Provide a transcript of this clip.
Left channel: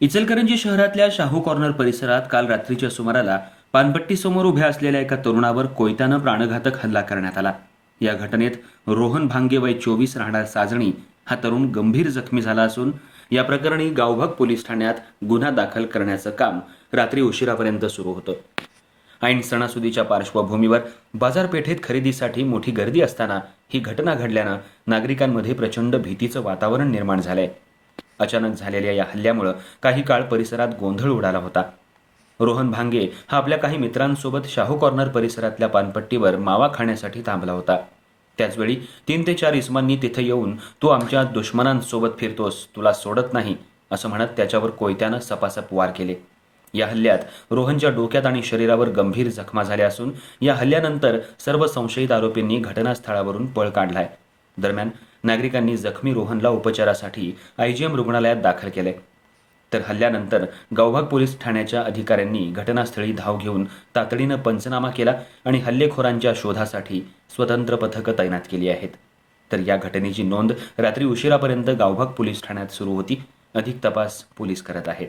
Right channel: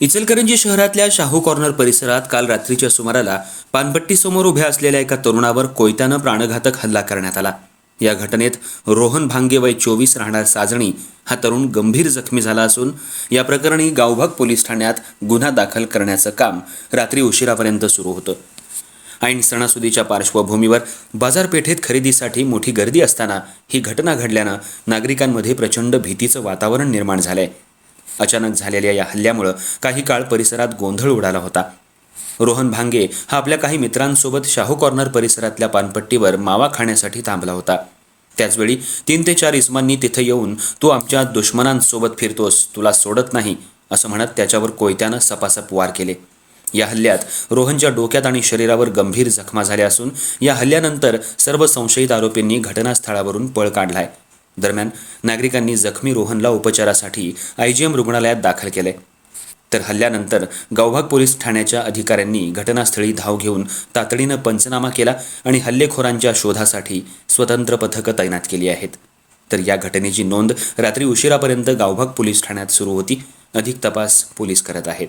इचलकरंजी शहरातल्या शाहू कॉर्नर परिसरात काल रात्रीच्या सुमाराला पानपट्टीसमोर उभ्या असलेल्या एका तरुणावर कोयत्यानं प्राणघातक हल्ला करण्यात आला. या घटनेत रोहन भांगे वय चोवीस राहणार साजणी हा तरुण गंभीर जखमी झाला असून या प्रकरणी गावभाग पोलीस ठाण्यात गुन्हा दाखल करण्याचं काम रात्री उशिरापर्यंत सुरू होतं. ऐन सणासुदीच्या पार्श्वभूमीवर बाजारपेठेत खरेदीसाठी मोठी गर्दी असताना ही घटना घडल्यानं नागरिकांमध्ये प्रचंड भीतीचं वातावरण निर्माण झालंय. अचानक झालेल्या या हल्ल्यामुळं काही काळ परिसरात गोंधळ उडाला होता. रोहन भांगे हा आपल्या काही मित्रांसोबत शाहू कॉर्नर परिसरातल्या पानपट्टीवर मावा खाण्यासाठी थांबला होता. त्याचवेळी तीन ते चार इसमांनी तिथं येऊन तू आमच्या दुश्मनांसोबत फिरतोस तुला सोडत नाही असं म्हणत त्याच्यावर कोयत्यानं सपासप वार केले. या हल्ल्यात रोहनच्या डोक्यात आणि शरीरावर गंभीर जखमा झाल्या असून या हल्ल्यानंतर सर्व संशयित आरोपींनी घटनास्थळावरून पळ काढलाय. दरम्यान नागरिकांनी जखमी रोहनला उपचारासाठी आयजीएम रुग्णालयात दाखल केले. तर हल्ल्यानंतर गावभाग पोलीस ठाण्याच्या अधिकाऱ्यांनी घटनास्थळी धाव घेऊन तातडीनं पंचनामा केला आणि हल्लेखोरांच्या शोधासाठी स्वतंत्र पथकं तैनात केली आहेत. तर या घटनेची नोंद रात्री उशिरापर्यंत गावभाग पोलीस ठाण्यात सुरू होती. अधिक तपास पोलीस करत आहेत.